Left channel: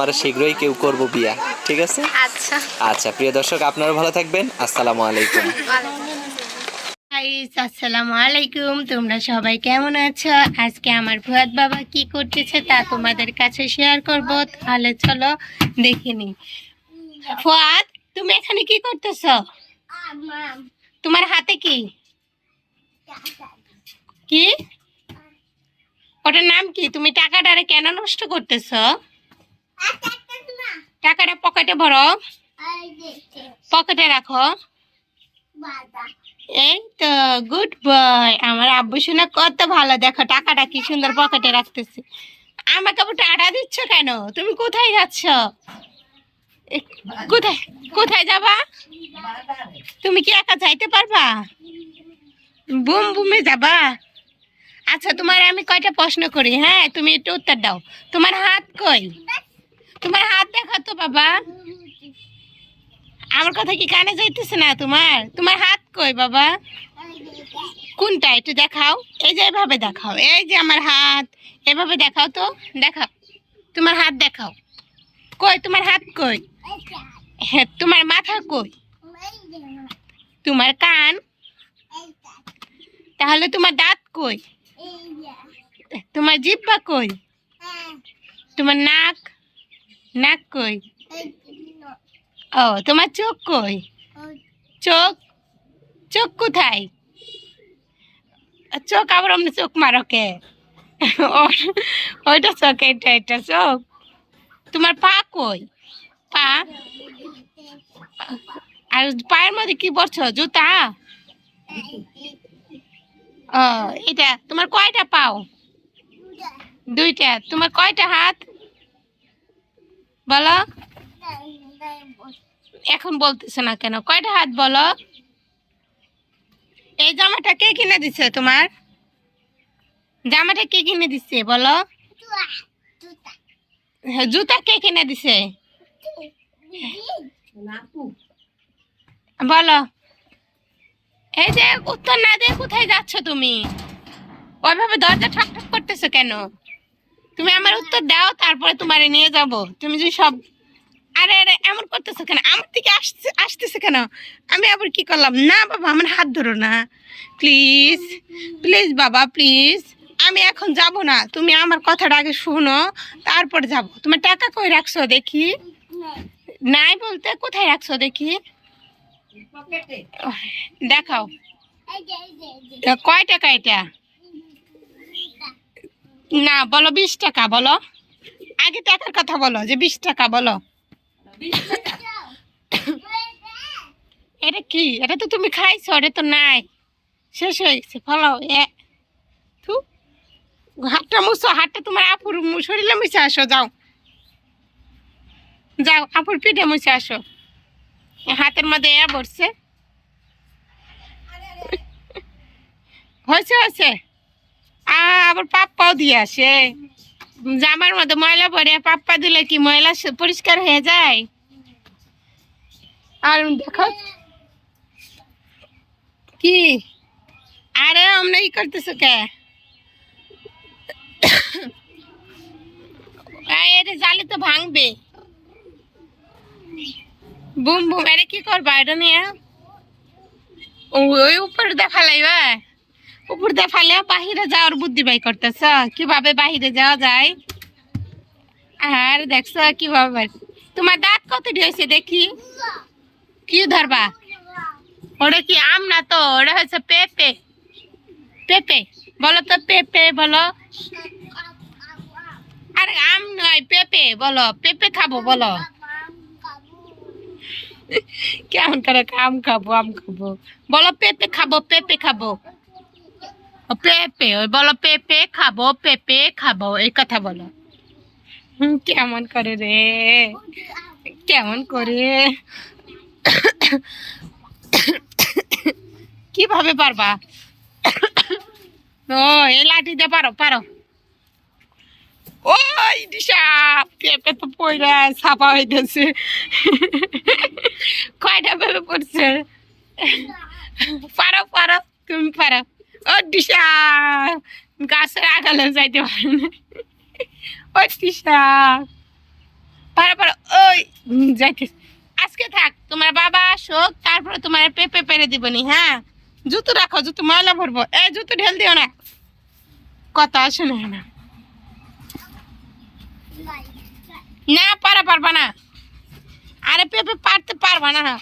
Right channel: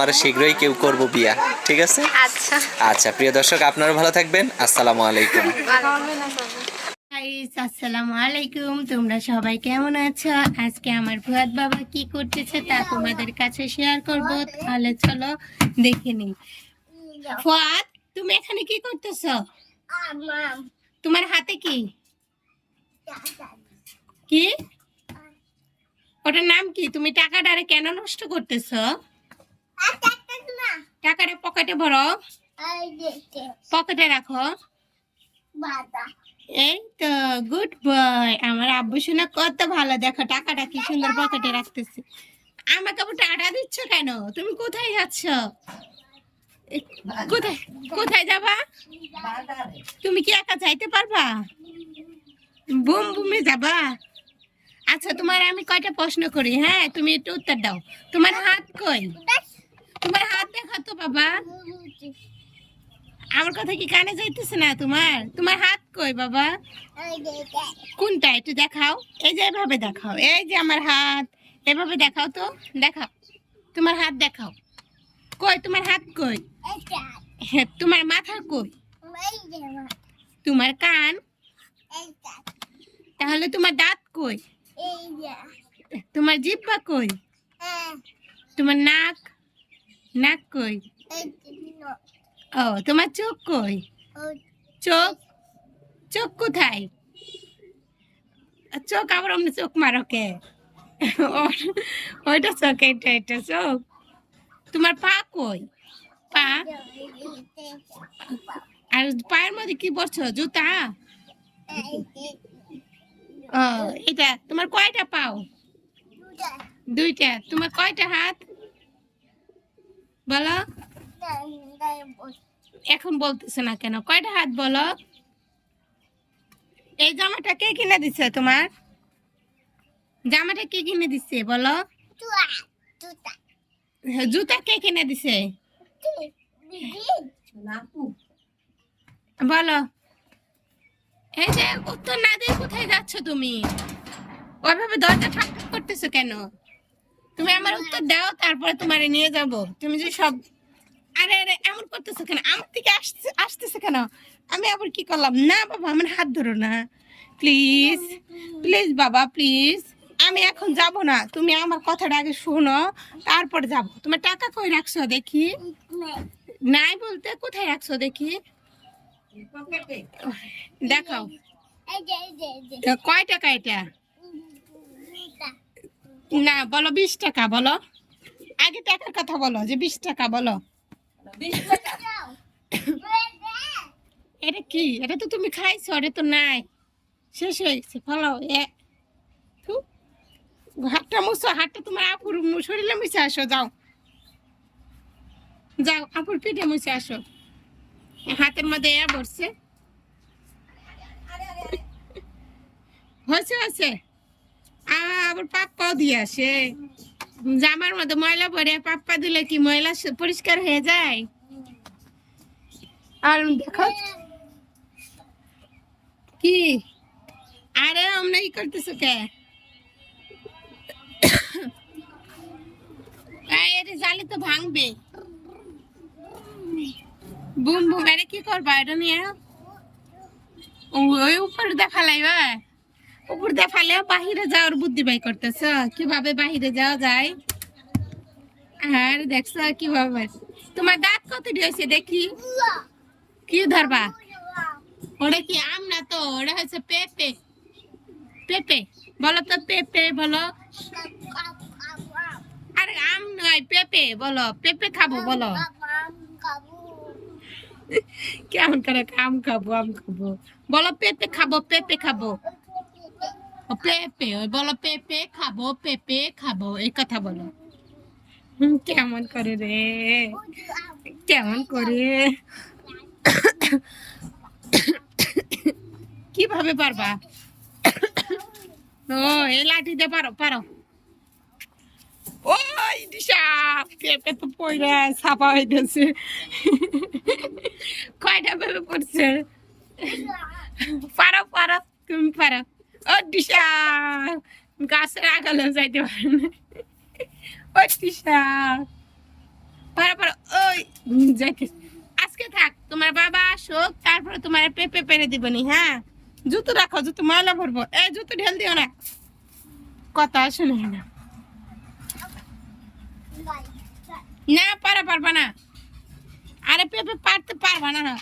আমরা শীঘ্রই কেউ করব বিয়া, ঠিক আছে? আচ্ছা আচ্ছা প্রিয় দর্শক, আপনারা ভালো থাকবেন। আসসালামু আলাইকুম। গাইস, আসসালামু আলাইকুম। তোমরা সবাই কেমন আছো? আজকে আমার ফুয়াদ বাবা কি করতেছে তা তোমাদের কাছে শেয়ার করব। তাহলে চলো দেখে নিই। ফুয়াদ, তুমি এখানে কি করতেছো? তোমার হাতে কি কি ওটার নাম কি? তুমি টাকাটারে কেন নষ্ট করতেছো? টাকাটা পকেটে ভরো, পকেটে রাখো। এই তো, গুড বয়। আমার আব্বু শুনে কত ভালো। দেখো টাকাটা কি সুন্দর পকেটে রাখতেছে। আমাকে আবার টাকা দিচ্ছ কেন? তুমি কোথায় যাচ্ছ? কোথায় কোথায় যাবা? তুমি কি একা যাইতে পারবা? বুম বুমে যাবা? আচ্ছা, তোমার আমি কয়টা প্রশ্ন করি, হ্যাঁ, তুমি একটু উত্তর দাও। তোমার হাত কই? তোমার হাত দেখা তো বাবা। আমার কথা কি কানে যাইতেছে না তোমার? তোমার হাত কই বাবা? কোনটা একটু দেখাও। এই যে এভাবে দেখাও, এই যে আমার হাত, এভাবে দেখাও তো, দেখাও। তোমার হাত দেখাও। কই তোমার হাত কই? হ্যাঁ, তোমার মাথা কই? তোমার কান? তাহলে তোমার দাঁত কই? তোমার জিহ্বা কই? তোমার নাক? নাক কই? ও, তোমার চোখ কই? চোখ? চোখ কোথায়? চোখ আবার অমনি চোখ মারো কে? ওইটা চোখ, এটা চোখ। তোমার পা কই? পা? আর পায়ের মধ্যে কি পরছো? জুতা? ও, এটা তোমার কয়টা পাও? দুইটা। তোমার কয়টা হাত বলো? এখন বলতেছে না কেন? কয়টা হাত বলো? এই জামাটা কে কিনে দিছে তোমার? জামাটা কে কিনে দিছে বলো? হ্যাঁ, জুতা কে কিনে দিছে বলো? এই যে উত্তর না দিয়ে কোথায় যাচ্ছ তুমি? ওইভাবে দরজা ঠক ঠক করতেছো কেন? তুমি আমার উত্তর দাও, তারপরে তোমারে নিয়ে যাব। তুমি যে সব, আরে আরে এমন করতেছো কেন? আমার দিকে আসতেছে কেন? আমি আবার কি করলাম? না বাবা, আমার হাত ধরো না প্লিজ। প্লিজ বাবা, প্লিজ। আমি এখন যাব না, তুমি আমার কথাটা আগে শোনো, তারপর যাব। তোমার টাকা কই রাখছো দেখি? নাই বলতে কোথায় রাখছো দেখি? দেখাও। কয় টাকা এটা? না বলো, 20 টাকা বলো। আগে টাকার কথা বলো, যে 20 টাকা বলো। এটা কি? এটা তো তুমি খাইছো, এটা তো নাই, শেষ হয়ে গেছে। ফলাও থু, হাতটা মুছো। হাতটা তোমার আপুর শরীরে মুছে আসো, যাও যাও, আপুর পিঠে মুছে আসো। হাতের মধ্যে পড়ছে। হয়েছে হয়েছে। আবার পাপ্পাও দিয়ে আসে। জামার মধ্যে ময়লা পরে পাপ্পা দিলে কি ময়লা পরিষ্কার হয়ে যায়? আর দেখো কি, আরে আমরা ই করতেছো কে? এটা জালি তো ভাঙবে। বুম বুম, আরে কি করবা এটা নিয়ে? ওই উপর দেখালাইবা? উপর দেখালে বাহিরে যাওয়ার বুদ্ধি বাই করতেছ, কিভাবে বাহিরে যাওয়া যায়। আর দেখছো কিভাবে? তোমার দাঁত কত হয়েছে দেখি? কি ধরবা? ওটা কি আম না তো, ওটা হচ্ছে পেঁপে। পেঁপে বলো তো, পেঁপে বলো। আরে আম নয়, পেঁপে বলো। পেঁপে খাবো বলো। কেমন করে আম খাবো, আম খাবো বলো? পেঁপে খাবো, পেঁপে খাবো। পেঁপে ওই বলো, পেঁপে খাবো, পেঁপে খাবো, এই কথা বলো। কেমন করে রে, কেমন করে? কিভাবে পারবা? ও, এই লাঠি দিয়ে পারো, পারো। ওই দিশা, পেঁপে তো পয়রা ছাপা হইতেছে। কয়টা পেঁপে পড়ছে? পারো পারো, তুমি পারো। ও দিশা, গাছের আগালে যাইতে পারে না। ও দিশা, যাইতে আজকে থাক, তোমার বাবা আসুক তারপরে তোমার পেঁপে পেরে দিবনি। হ্যাঁ, জুতো রাখো, জুতো ময়লা ভরবো। এই জুতো ঢেল দিও না, কথা শুনে না। না পারবা না, আরে পেঁপে পারতে পারবা না।